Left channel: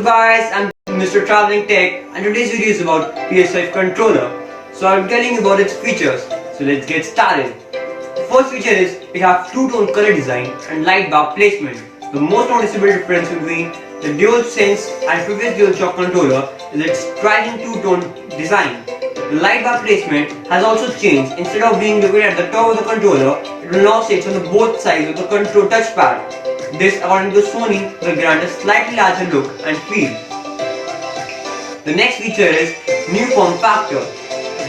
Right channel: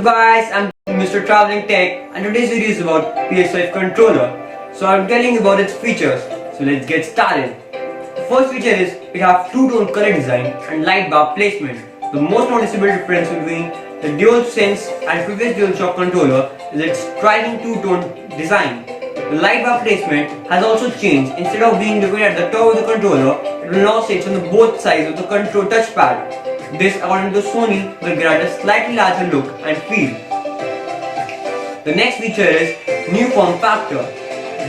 What's up guys, I'm Mr. Traveling Tech and today's video is about PS5 controller. So I'm telling you about its features. So let's get started. The first feature is it has two-tone color design and light bar placement. The most noticeable difference between the DualSense and previous DualShock controller is its striking two-tone design. The light bar placement has also changed. Instead of being located at the top of the controller, it will now sit on the both sides of the control touchpad. This, according to Sony, will grant a slightly larger look and feel. The next feature is new form factor.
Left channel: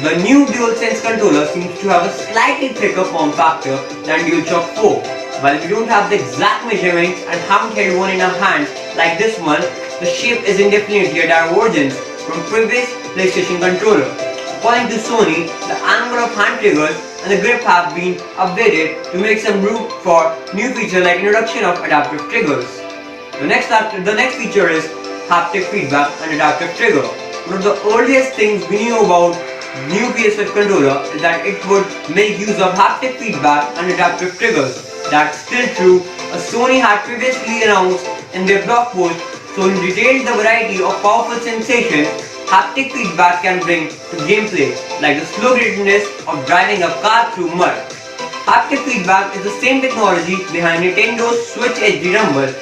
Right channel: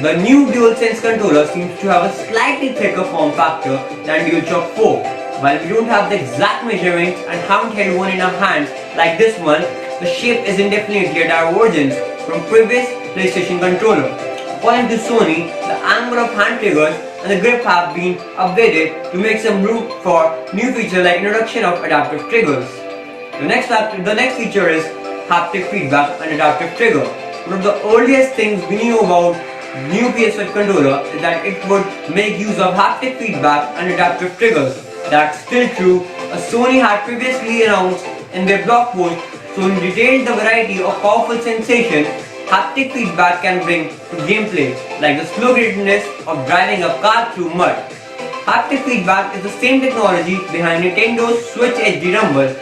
The new DualSense controller seems to have a slightly thicker form factor than DualShock 4. While we don't have the exact measurements and haven't held one in our hands like this one, the shape is definitely a divergence from previous PlayStation controller. According to Sony, the angle of hand triggers and the grip have been updated to make some room for new features like introduction of adaptive triggers. The next feature is haptic feedback and adaptive trigger. One of the earliest things we knew about new PS5 controller is that it would make use of haptic feedback and adaptive triggers. That's still true, as Sony had previously announced in their blog post. Sony detailed the variety of powerful sensations haptic feedback can bring to gameplay, like the slow giddiness of driving a car through mud. Haptic feedback is the same technology behind Nintendo's Switch HD Rumble,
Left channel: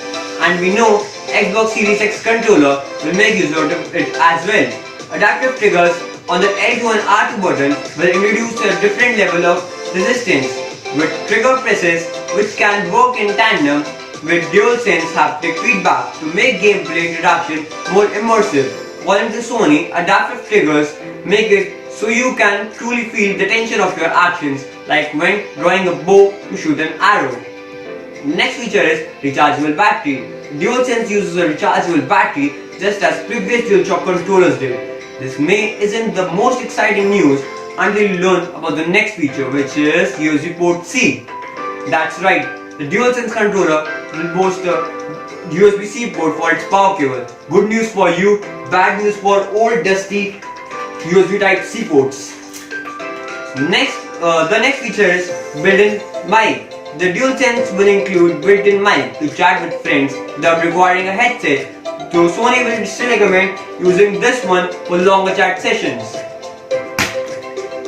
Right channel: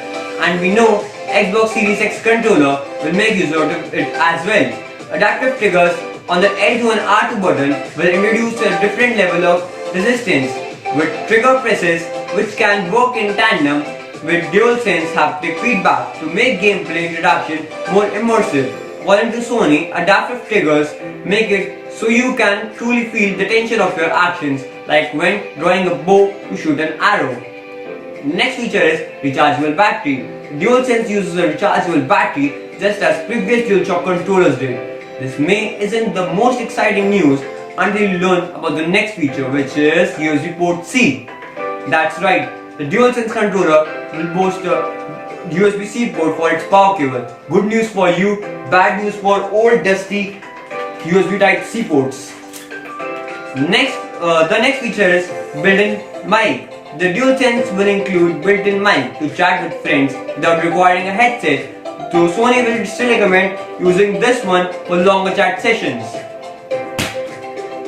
and we know Xbox Series X controller will make use of it as well. Adaptive triggers on the L2 and R2 button will introduce a different level of resistance with trigger presses which can work in tandem with DualSense haptic feedback to make gameplay introduction more immersive. According to Sony, adaptive triggers make it so you can truly feel the tension of your actions, like when drawing a bow to shoot an arrow. Next feature is rechargeable battery. DualSense uses a rechargeable battery just as previous DualShock controllers did. This isn't the most exciting news until you learn about the next feature, which is USB port C. That's right, the DualSense controller will boast a USB-C port for its power cable. Good news for you, bad news for old dusty USB Type-C ports. The next feature is built-in mic. The DualSense will include built-in mic to chat with friends without requiring a headset, so Sony will still recommend using this one for longer chat sessions.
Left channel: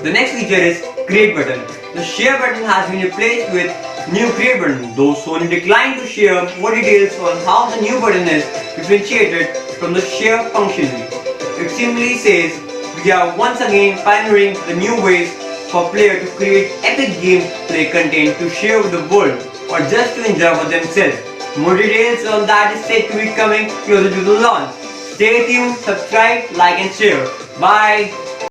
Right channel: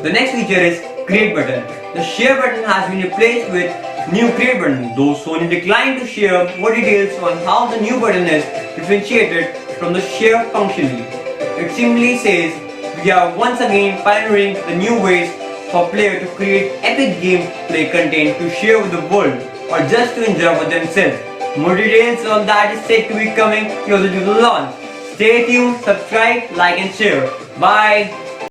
The next feature is create button. The share button has been replaced with new create button, though Sony declined to share more details on how the new button is differentiated from the share functionally. It simply says, we are once again pioneering the new ways for players to create epic gameplay content to share with the world or just to enjoy for themselves. More details on that is said to be coming closer to the launch. Stay tuned, subscribe, like and share. Bye!